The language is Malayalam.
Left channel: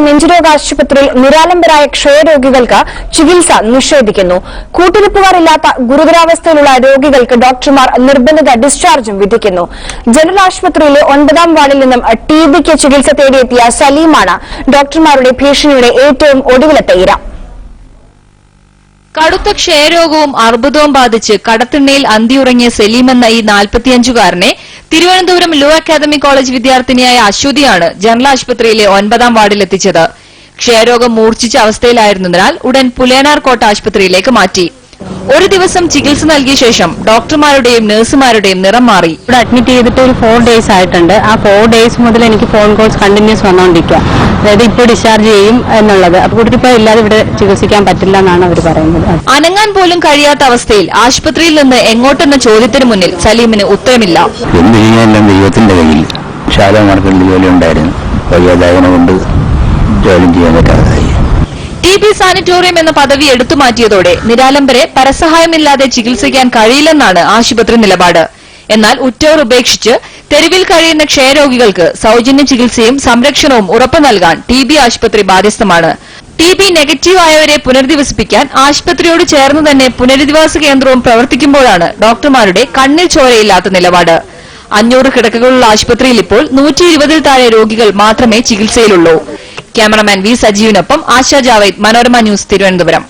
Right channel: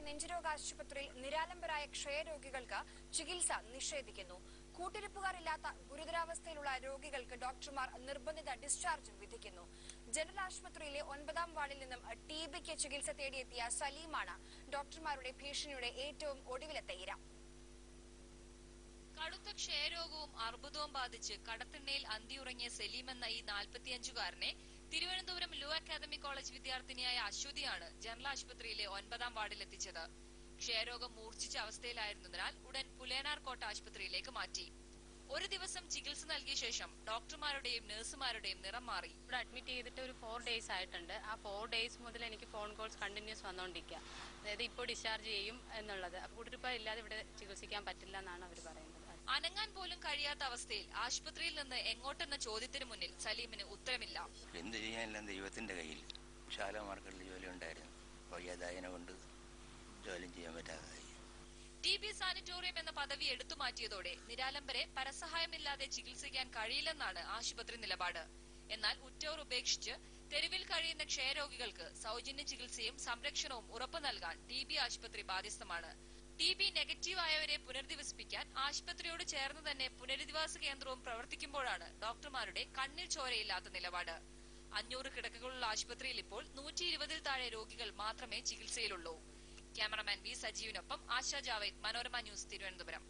നെഞ്ചുരോഗ ആശുപത്രിയിൽ നിരാലംബരായ ക്ഷയരോഗികൾക്ക് ചികിത്സ നിഷേധിക്കുന്നു. കൂട്ടിരിപ്പുകാരില്ലാത്ത ഗുരുതരാവസ്ഥയിലുള്ള രോഗികൾക്ക് ഡോക്ടർമാർ നിർബന്ധിത ഡിസ്ചാർജും വിധിക്കുന്നു. ജനറൽ ആശുപത്രിയിലെ 9ാം വാർഡിൽ നിന്നും ടിബിക്ക് ചികിത്സ തേടിയെത്തിയ സലീമാണ് ഡോക്ടർമാരുടെ ഭീഷണിയുടെ ഏറ്റവും ഒടുവിലത്തെ ഇര. കടുത്ത ക്ഷയരോഗവും അർബുദവും ബാധിച്ച് കടത്തിണ്ണയിൽ അന്തിയുറങ്ങിയ സലീം എന്ന ഈ 45-കാരനെ തിരുവനന്തപുരം ലോ അക്കാദമി കോളേജ് വിദ്യാർത്ഥിനിയായ അശ്വതിയാണ് ജനറൽ ആശുപത്രിയിലെ 9ാം വാർഡിലെത്തിച്ചത്. ക്ഷയരോഗം മൂർച്ഛിച്ച അവസ്ഥയിലായിരുന്നതിനാൽ ഉടൻ പുലയനാർ കോട്ട ആശുപത്രിയിലേക്ക് മാറ്റി. ഒരു ദിവസം ചികിത്സ നൽകിയ ശേഷം ഡോക്ടർമാരുടെയും നഴ്സുമാരുടെയും നിറം മാറി. ഇവിടെ അഡ്മിറ്റ് ചെയ്തിട്ട് ഒരു 4 days ആയിട്ടുണ്ട്. ആ 4 days മുതൽ എനിക്ക് ഫോൺ കോൾസ് കണ്ടിന്യൂസ് വന്നുകൊണ്ടിരിക്കുക. അതായത് ഇപ്പോൾ ഡിസ്ചാർജ് ചെയ്യും എന്നുള്ളത്. അപ്പോൾ കൂട്ടിരിപ്പ് ഇല്ലാതെ ഇവിടെ ചികിത്സിക്കാൻ പറ്റില്ല എന്നാണ് അവർ പറയുന്നത്. അനങ്ങാൻ പോലും കഴിയാത്ത അവസ്ഥയിൽ ആശുപത്രിയിൽ നിന്ന് എങ്ങോട്ടെന്ന ചോദ്യത്തിന് മുന്നിൽ സലീമിന് ഉത്തരമില്ല. എന്ത് ചെയ്യാനെല്ലാം ദൈവത്തിന്റെ കയ്യിൽ. ശാലമാർക്കുണ്ട് ജോലി ഉണ്ടായിരുന്നു. വയ്യാതായതിനെ കൊണ്ട് ജോലി ചെയ്യാൻ പറ്റാതായി. ടിബി സാനിറ്റോറിയം എന്ന പദവി എടുത്തുമാറ്റിയതോടെ നിരാലംബരെ പരസഹായമില്ലാതെ ചികിത്സിക്കാൻ കഴിയില്ലെന്നാണ് ആശുപത്രി നിലപാട്. എന്നാൽ ഉറ്റവർ ഉപേക്ഷിച്ച് തെരുവിൽ കഴിയുന്ന ക്ഷയരോഗികൾക്ക് സൌജന്യ ചികിത്സയും സംരക്ഷണവും ഉറപ്പു നൽകാൻ ടിബി ആശുപത്രി ബാധ്യസ്ഥമാണ്. ടിബി നെഗറ്റീവ് ആയവരെ പുനരധിവസിപ്പിക്കാൻ ആശുപത്രിയോട് ചേർന്ന് തന്നെ പുനരധിവാസ കേന്ദ്രവും പ്രവർത്തിക്കുമ്പോഴാണ് ഡോക്ടർമാരുടെ കണ്ണിൽ ചോരയില്ലാത്ത നിലപാട്. 500 കിടക്കകളുള്ള ആശുപത്രിയിൽ ഇപ്പോൾ 120-ൽ താഴെ രോഗികൾ മാത്രമേ ചികിത്സയിലുള്ളൂ. ക്യാമറമാൻ വി സജീവിനൊപ്പം ആശാ ജാവേദ്, മനോരമ ന്യൂസ്, തിരുവനന്തപുരം.